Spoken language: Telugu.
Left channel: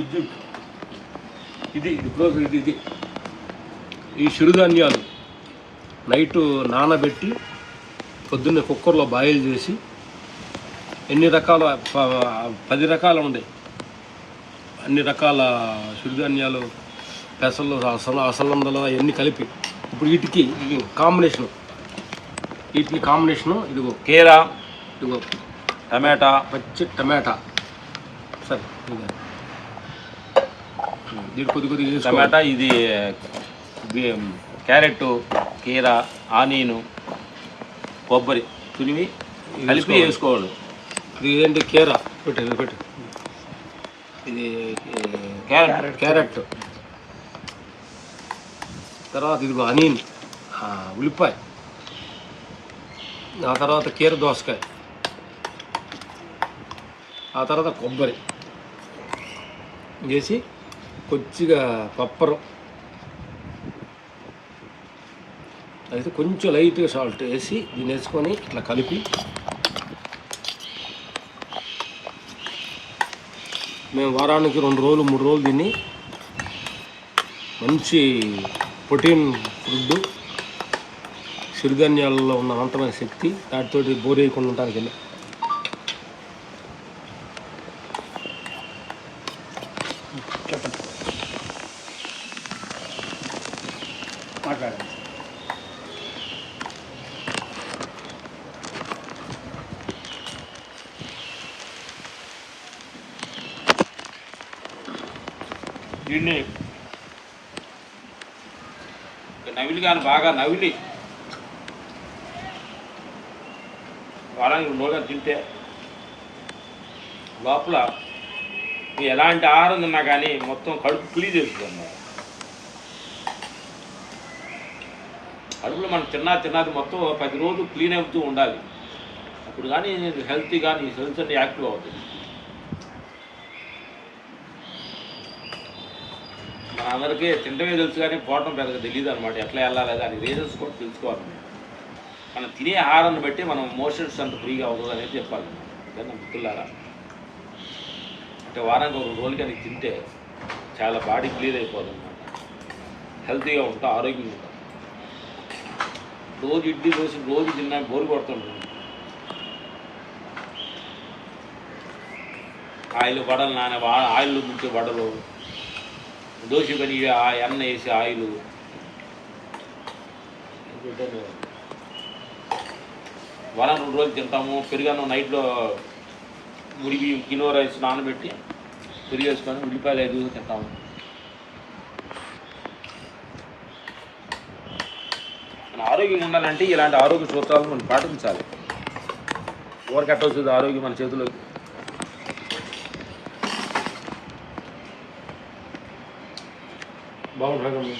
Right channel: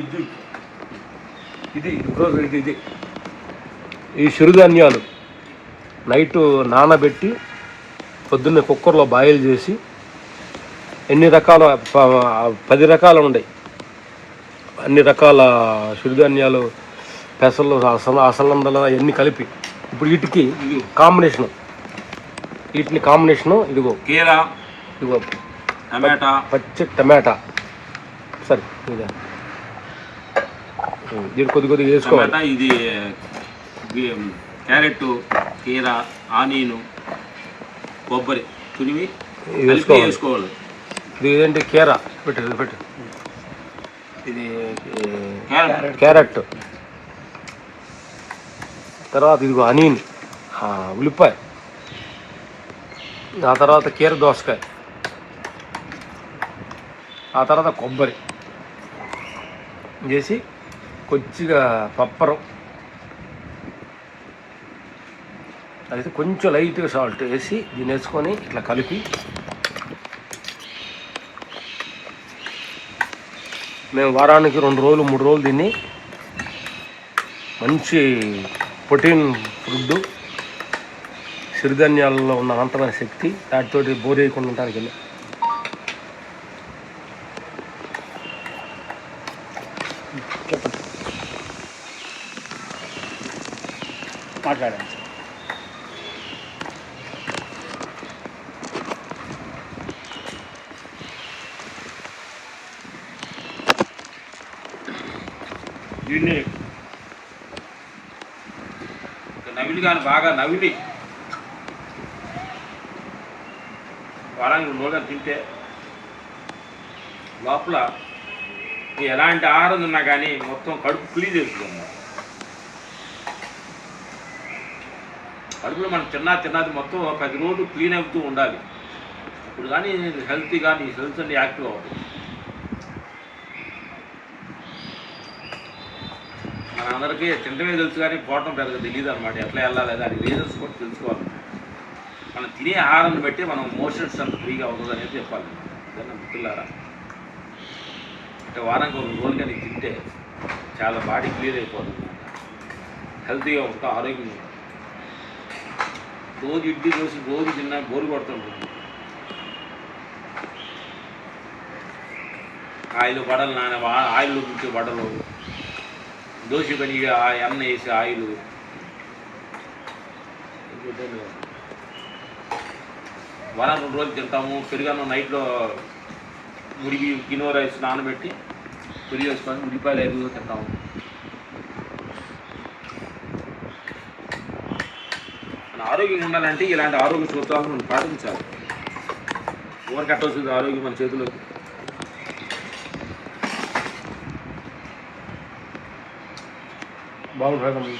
ఇది ఇది ఇది ఇది ఈ చిరుధాన్యాలు నైట్ నానబెట్టి పొద్దున్నే కుక్కర్లో బాయిల్ చేసి ఎన్ని రకాల 10 రకాలు ఉన్నాయి, అన్ని రకాల చిరుధాన్యాలు, పెసలు, అసలందలు అవన్నీ కలిపి ఇప్పుడు వీటికి కాంబినేషను ఇదిగో కీరా, ఇదిగో టమాటా, పచ్చి టమాటా. సరే ఇది కొద్దిగా వేసుకోవాలి. ఇది క్యారెట్, కీరా, ఆనియన్, కొబ్బరి తురిమి కలిపి వేసుకోవాలి. ఇది ఏంటి కీరా పెట్టు ఇది క్యారెట్, తర్వాత ఇదిగో ఆనియన్, ఉల్లిపాయ, ఆ తర్వాత కీర దోసకాయ, ఆ తర్వాత కొబ్బరి చేసి కొద్దిగా పప్పరం, అయితే కొంచెం లైట్గా సాల్ట్ వేసి దీన్ని వేసుకొని ఇట్లా కలిపి మేము వారానికి 2 రోజులు 3 రోజులు దీన్ని మంచి ప్రోటీన్ ఫుడ్, సిరిధాన్యాలలో ఉన్న అనంతమైన శక్తి, వాటితోటి బోర్ వేయకుండా ఉండడానికి వెళ్ళి మాట్లాడండి. దీన్ని నవిలి కానీ బాగా నవిలి వారానికి 2 రోజులు తింటే లోపల ఎలాంటి ఆహారం తిన్నా కానీ మొత్తం కడుపు క్లీన్ చేసుకున్నారు. కడుపులో మనం తిన్నది మొత్తం 10 రోజులు క్లీన్ అవుతూ ఉండాలి. అప్పుడు కానీ హెల్తీ కానీ హెల్త్ అన్ని యాక్టివ్ అవుతుంది. మన అందరికీ తింటమే తెలుసు కానీ పోవటం పెద్దగా తెలియదు అనమాట. ఎట్లా వెళ్ళాలి దానికి రీజన్స్ కూడా తెలుసుకోవాలి. మనం తినే ఆహారాన్ని బట్టి మనం మోషన్స్ అంత ఫ్రీగా అవుతుంది అనేది చెప్పాలి. దాన్ని మిత్రులారా, అంటే వారానికి 2 రోజులు కానీ తింటే చాలా బాడీ క్లియర్ అయిపోతుంది అనమాట. హెల్తీగా ఉంటాం, ఆరోగ్యంగా ఉంటాం. రోజు ఇడ్లీ దోశ రోజు తిన్నా బోరు కొడుతుంటుంది. ఆయిల్ వడలు ఆయిల్ గుర్తు వడలు, దోశ పని ఎన్న వేసి ఆయిల్ వారం 2 రోజులు తింటాము. పెరుగన్నం నైట్లో ముడిగి కినో రైస్ నానబెట్టి పెరుగు వేసుకొని ఉల్లిపాయలు ఎదుగు తింటాము. మన ఆరోగ్యంగా ఉండాలంటే ఇలాంటి ఆరోగ్య సూత్రాలను మనం పాటించాలి. ఎవరికి అట్ట వస్తుంది ఆరోగ్యం మన చేతిలోకి. బాగుంటుంది.